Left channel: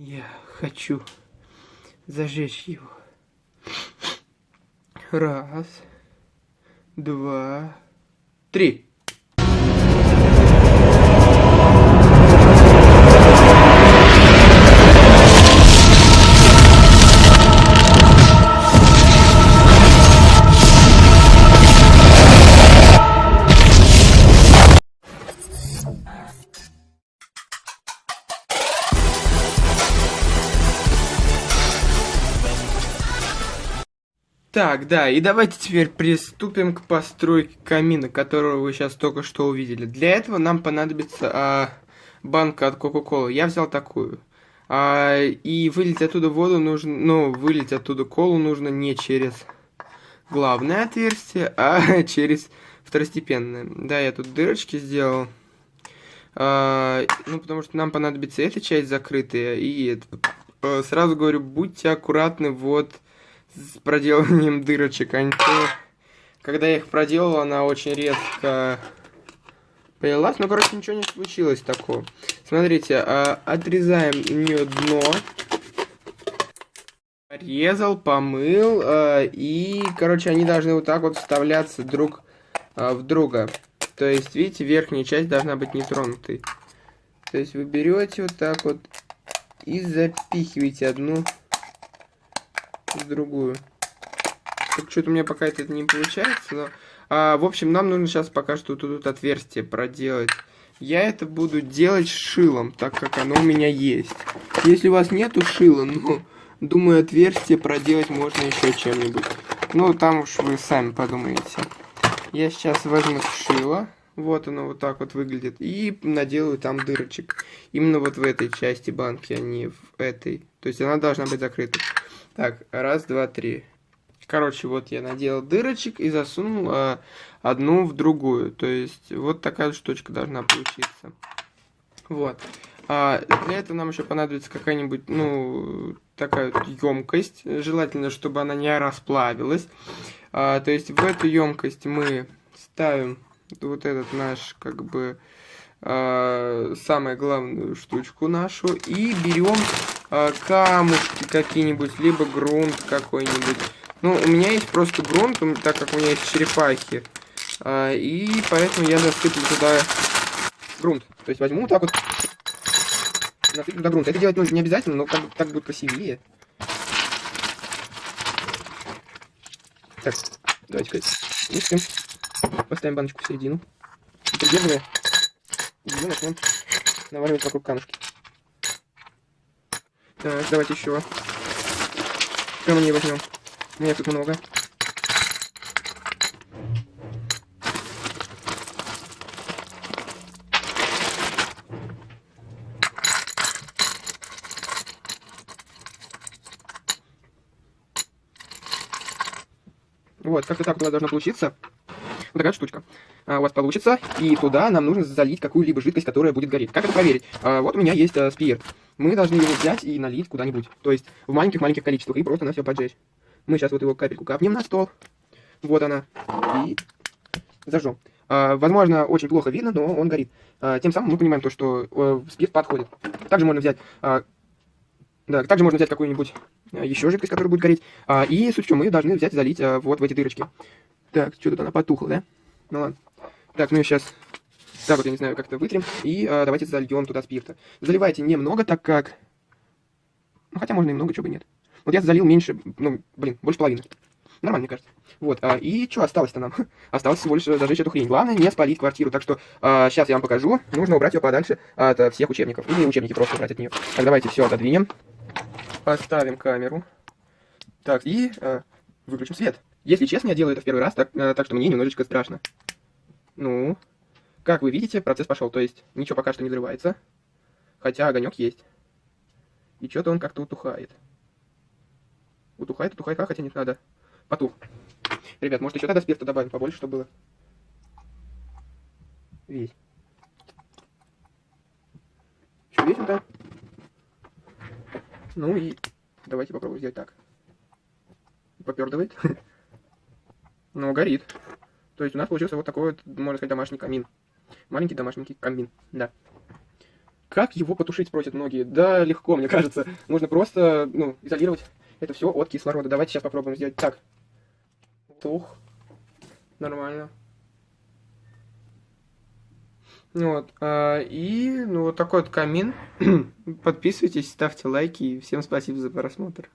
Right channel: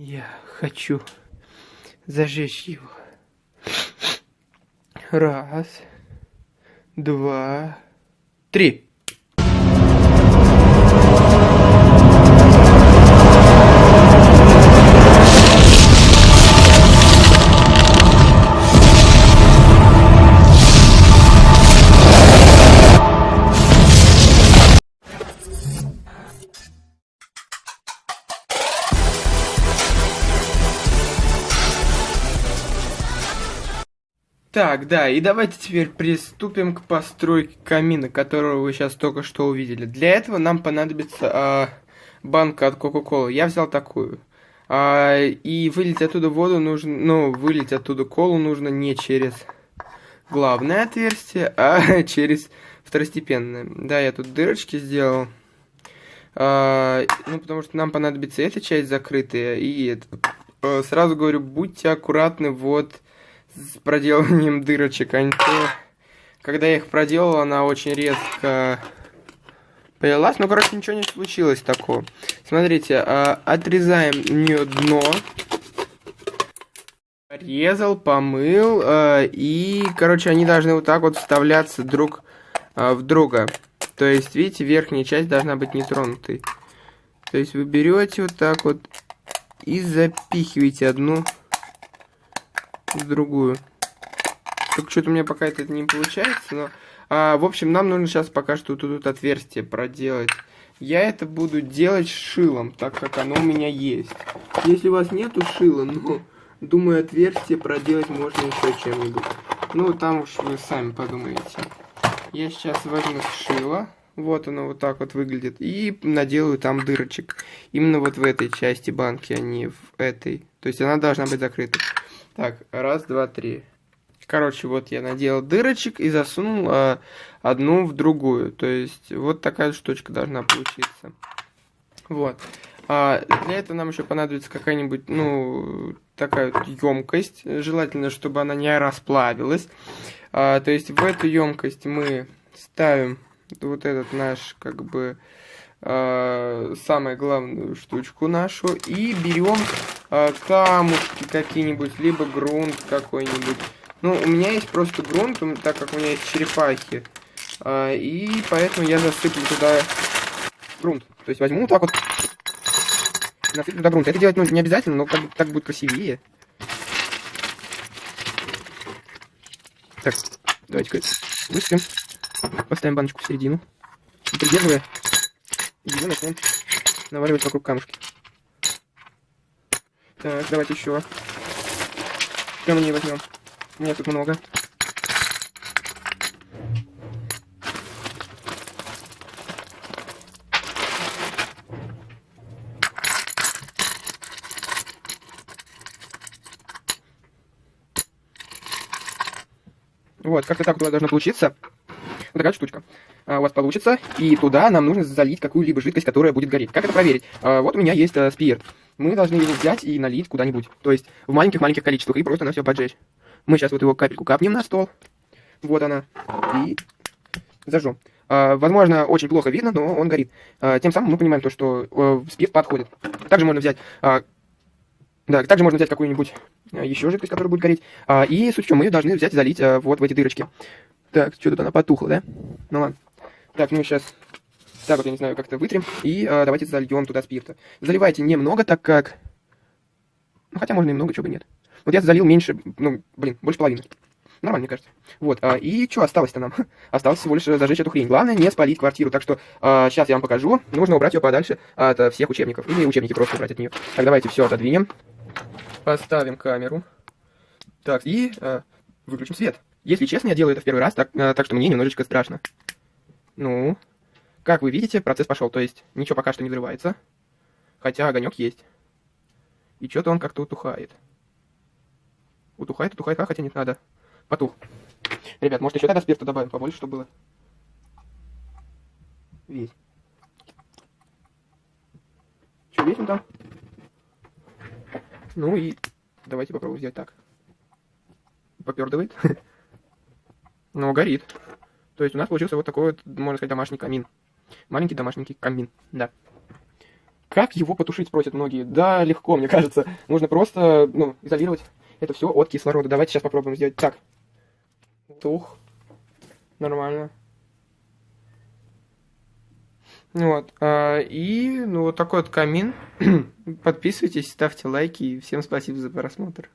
Я хочу зажечь его. Раз, два, три. Так, да, и давайте теперь приступим к постройке камина, которого вы сейчас только что увидели. Для этого нам понадобится банка от Кока-Колы. Я взял такую. И вылить оттуда воду нужно, ну, вылить оттуда колу нужно не через главное отверстие, а через второстепенное. Да, я тут дырочки сделал. Ну, потому что нам понадобится эта часть закрытая и эта. Сразу говорю, будьте аккуратны вот с проделыванием дырочек. Когда я их проделал, она очень резко полилась. Ну, короче, ничего не случилось такого. Смотрите, отрезаем у нее дно. Порезал, помыл. И, короче, они должны вот так вот вставляться друг в друга. То есть, видите, верхняя часть должна быть нетронутой. То есть, вы берете вот так вот и запихиваете одну в другую. Так что-то у меня пока это не получается, но... в общем, нам нужно сейчас пока что тут отверстие проделать. Я это буду делать шилом, так как оно у меня есть. Если у вас нету шила, ну, думаю, отверстие проделать можно еще чем-нибудь. Ну, там уж вы сами подумаете. Я сейчас возьму шило. Вот оно вот так вот выглядит. И наделаю там дырочек. Именно вот в этой части банки, а не в этой. То есть она должна быть закрыта. Так, раз, два, три. Короче, вот я наделал дырочек и засунул одну в другую. То есть вот такая штучка должна получиться. Вот. Для этого нам еще понадобится какая-нибудь, ну, такая вот емкость. Желательно, чтобы она не расплавилась. То есть в эту емкость мы ставим вот этот наш, как бы, самую главную штучку нашу. И берем камушки какие-нибудь, либо грунт какой-нибудь. Ну, у меня есть просто грунт, так как у меня есть черепахи. И поэтому я засыплю туда грунт. То есть возьму вот так вот, насыплю туда грунт. Это делать нужно не обязательно, но как бы так будет красивее. Так, давайте-ка высыпем. Поставим баночку в середину. И придерживая, ее начнем наваливать вокруг камушки. Так, давайте еще камней возьмем. У меня тут много. Вот, как-то так у нас должно получиться. Вот такая штучка. У вас получится, и туда нам нужно залить какую-либо жидкость, которая будет гореть. Как это проверить? Вот у меня есть спирт. Мы должны его взять и налить куда-нибудь. То есть в маленьких-маленьких количествах, и просто на все поджечь. Мы сейчас вот его капельку капнем на стол. Вот она. И зажжем. Возможно, очень плохо видно, но он горит. Тем самым мы понимаем то, что спирт подходит. Также можно взять... Да, также можно взять какую-нибудь еще жидкость, которая будет гореть. И суть в чем, мы ее должны взять и залить вот в эти дырочки. Так, что тут она потухла, да? Ну ладно. Так, ну и сейчас так вот, я не знаю, как-то вытрем. И давайте зальем туда спирта. Заливайте немного, так как... Ну, хотя можно немного, чего бы нет. Вот я залил меньше, ну, блин, больше половины. Нормально, мне кажется. Вот, и что осталось-то нам? Осталось всего лишь зажечь эту хрень. Главное, не спалить квартиру. Так что сейчас я вам покажу. Нужно убрать ее подальше от всех учебников. Или учебники просто убрать от нее. Так, давайте все отодвинем. Поставим камеру. Так, и выключим свет. Если честно, я делаю это в первый раз, так что мне немножечко страшно. Ну, как вы видите, процесс пошел. То есть ничего пока что не взрывается. Хотя огонек есть. И что-то он как-то утухает. Утухает, хотя нет, надо. Потух. Ребят, может еще тогда спирта добавим побольше, чтобы было. Весь. Что, весим там? Ну и давайте попробуем сделать так. Попердывает. Но горит. То есть у нас получился вот такой вот, можно сказать, домашний камин. Маленький домашний камин, да. Как его потушить, спросят многие. Да, легко, мне кажется. Нужно просто, ну, изолировать это все от кислорода. Давайте сейчас попробуем сделать так. Тух. Нормально. Вот. И, ну, вот такой вот камин. Подписывайтесь, ставьте лайки. И всем спасибо за просмотр.